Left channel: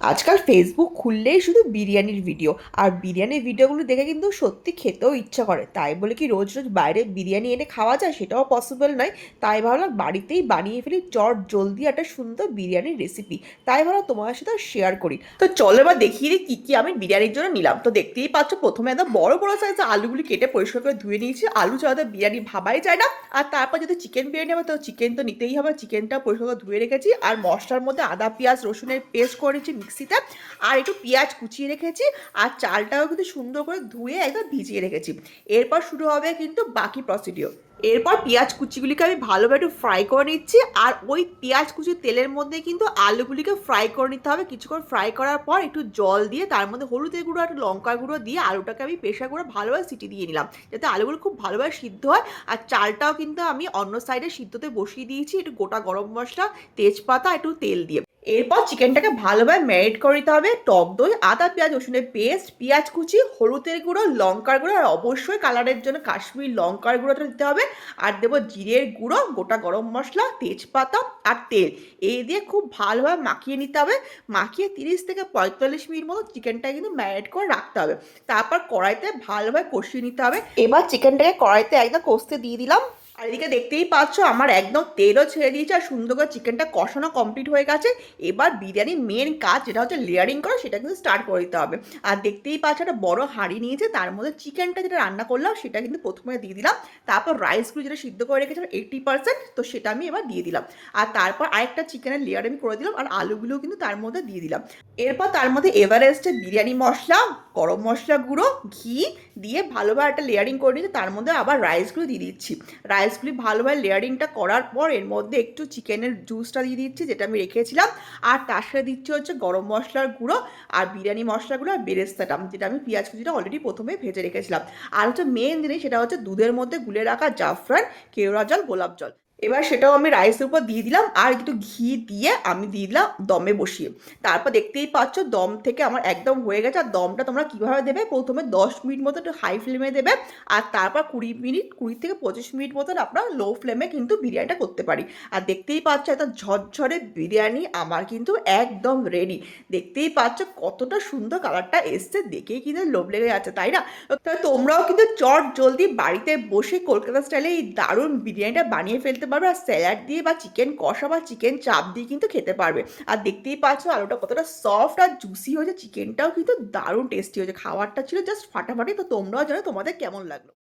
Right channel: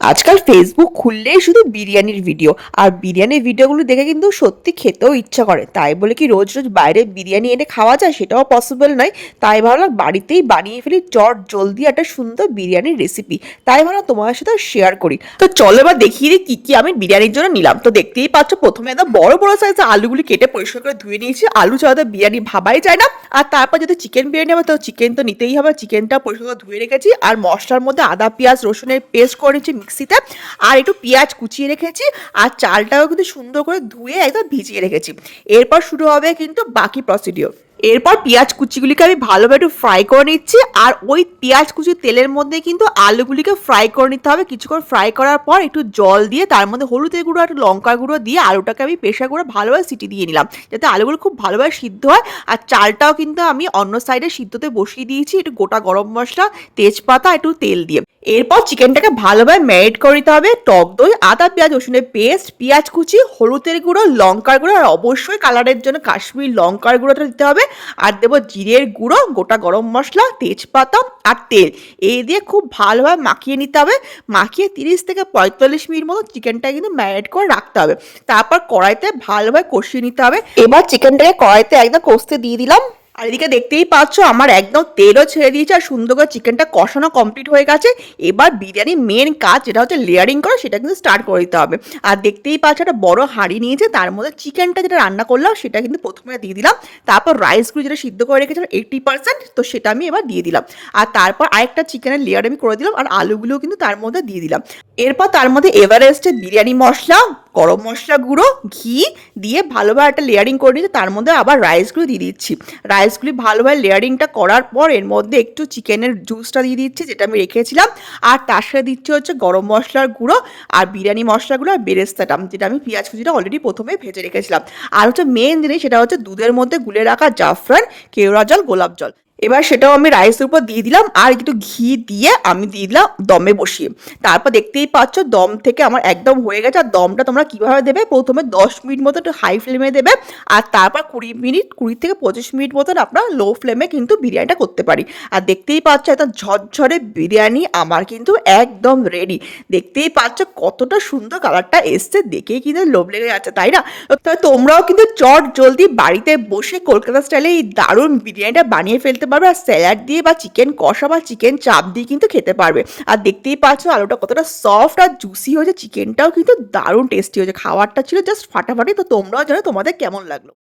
আজকাল ফেসবুক খুললেই শুধু বিরিয়ানির ভিডিও, আর বিরিয়ানির ভিডিওগুলো দেখে কিন্তু সত্যি খেতেও ইচ্ছা করে। তাই বলে কি রোজ রোজ বাইরে বিরিয়ানি এনে খাওয়া যায়? সেটাও পসিবল নয়। তাই ভাবলাম বাড়িতেই বানিয়ে ফেলি চট জলদি একটা সুন্দর বিরিয়ানির রেসিপি। তাই ভাবলাম তোমার সাথে শেয়ার করি। তো চলো এবার দেখিয়ে দিই কি কি আমি বিরিয়ানির জন্য নিলাম। তো দেখতেই পাচ্ছ, প্রথমে একদম বড় বড় সাইজের আলুগুলি কেটে পরিষ্কার করে ধুয়ে নিয়েছি। আলু ছাড়া তো বিরিয়ানি ভাবাই যায় না। আর তারপর যদি চিকেন বিরিয়ানি হবে তো চিকেন তো নিতেই হবে। চিকেনটা পরিষ্কার করে ধুয়ে রেখেছি। আর মশলার মধ্যে আদা পেঁয়াজ রসুনের পেস্ট করে নিচ্ছি মিক্সিতে। আর একটু পেঁয়াজ কুচিয়ে রেখেছি। আর চালটাও কিন্তু সুন্দর করে ধুয়ে একদম ভিজিয়ে রেখেছি। এরপর শুরু হবে কিন্তু বাকি প্রসিডিওর। এরপর পেঁয়াজ কুচিগুলিকে আমি ভালোভাবে একটু ফ্রাই করে নিচ্ছি। আর ওই পেঁয়াজ কুচি তেলের মধ্যে কিন্তু আলুগুলিকে ফ্রাই করে নিতে হবে। কিছুক্ষণ ফ্রাই করার পর একটু জল দিয়ে তার মধ্যে হলুদের গুঁড়ো একটু লঙ্কার গুঁড়ো দিয়ে আলুটাকে আমি প্রেশার করে ভালোভাবে সিটি দিয়ে নিলাম, যাতে আলুগুলো খুব ভালোভাবে সিদ্ধ হয়। আর চালটাও কিন্তু আমি অন্য সাইডে সিদ্ধতে বসিয়ে দিয়েছি একটু গোটা গরম মশলা, তেজপাতা, একটু তেল দিয়ে। এরপর চিকেনটাকে ভালোভাবে ম্যারিনেট করে নিতে হবে। টক দই, আদা পেঁয়াজ রসুনের পেস্ট, পেঁয়াজ কুচি, হলুদের গুঁড়ো, লঙ্কার গুঁড়ো, আর অবশ্যই কালারের জন্য কাশ্মীরি লঙ্কার গুঁড়োটা দিতে হবে। আর দেবো জিরের গুঁড়ো, গোটা গরম মশলা, তেজপাতা আর তেল। এই দিয়ে খুব ভালোভাবে মাখিয়ে নিতে হবে। মাখিয়ে 30 থেকে 45 মিনিট মতো চিকেনটা কিন্তু ম্যারিনেট করে রাখতে হবে। তারপর কড়াইতে ভালোভাবে কষিয়ে নিতে হবে। এবার চিকেনটাকে কড়াইতে একদম কষতে দিয়ে দিলাম। আর এদিকে দেখতেই পাচ্ছ আমার একদম তেলও ছেড়ে দিয়েছে আর সুন্দর করে চিকেনটা কষানো কমপ্লিট হয়ে গেছে। এবার বিরিয়ানির মেন কাজ যেটা হচ্ছে লেয়ারিং করা, সেটা কিন্তু স্টার্ট করে দিতে হবে। আর দেখতেই পাচ্ছ একটা বড় হাঁড়ি নিয়েছে, তার মধ্যে চিকেনটা যেটা রান্না করলাম সেটা কিন্তু প্রথমে দিয়ে দিলাম। তারপর রাইসগুলো যেটা সিদ্ধ করে রেখেছিলাম 80%, তো সেটা আমি এবার দিয়ে দিলাম। আর তারপর আরেকটা চিকেনের লেয়ার আমি করে দিলাম আর আলুগুলোও কিন্তু তার মধ্যে দিয়ে দিলাম। এরপর তার মধ্যে এভারেস্টের বিরিয়ানি মশলা, গরম মশলা গুঁড়ো, ঘি দিয়ে ভালোভাবে একটা লেয়ারিং করে নিয়েছি। তার মধ্যে আবার রাইসগুলো দিয়ে দিচ্ছি। রাইসগুলি ভালোভাবে লেয়ারিংটা করার পর এর মধ্যে একটু চিকেনের জুসটা দিয়ে দিচ্ছি যেটা আমি রেখেছিলাম। আর তার সাথে দিচ্ছি হচ্ছে গরম মশলার গুঁড়ো আর বিরিয়ানি মশলাগুলো আর বেরেস্তাটা, যেটা আমি পেঁয়াজ কুচিটা অলরেডি প্রথমে ভেজে রেখেছিলাম। আর হচ্ছে মেন জিনিস, সেটা হচ্ছে দুধের মধ্যে গুলে রাখা জাফরান, কেওড়া জল, গোলাপ জল। এবার সেটাও আমি রাইসের উপর দিয়ে দিলাম আর একটু ঘি দিয়ে আমি দিয়ে দিলাম দমে বসিয়ে। তারপর দেখতেই পাচ্ছ দম থেকে আমার একদম হয়ে গেছে। আর দমটা তোমরা কীভাবে দেবে, প্রথমে 10 মিনিট মতো একটু হাই ফ্লেমে দেবে। আর তারপর 20 থেকে 25 মিনিট মতন আপনার লো ফ্লেমে কিন্তু বিরিয়ানিটা করতে পারি। আর দেখতেই পাচ্ছ একটা ঝরঝরে বিরিয়ানি আমার কিন্তু একদম রেডি। দেখতেই পাচ্ছ কতটা সুন্দর কালারটা এসছে, দেখেই কিন্তু লোভ লেগে যাচ্ছে, তাই না? তো তোমরাও কিন্তু চট জলদি বাড়িতে বসে কলকাতা স্টাইলে এই দারুণ বিরিয়ানিটা বানিয়ে ফেলতে পারবে। আর স্যালাড দিয়ে বা চিকেন কষা বা চিকেন চাপ দিয়ে কিন্তু খেতে পারবে। আর দেখতেই পাচ্ছ আলুটা কতটা সফট আর জুসি হয়েছে, চিকেনটাও কিন্তু দারুণ টেস্টি হয়েছে। খাবারটা ছিল জাস্ট ফাটাফাটি। তো তোমরাও জানো তোমাদের কেমন লাগলো।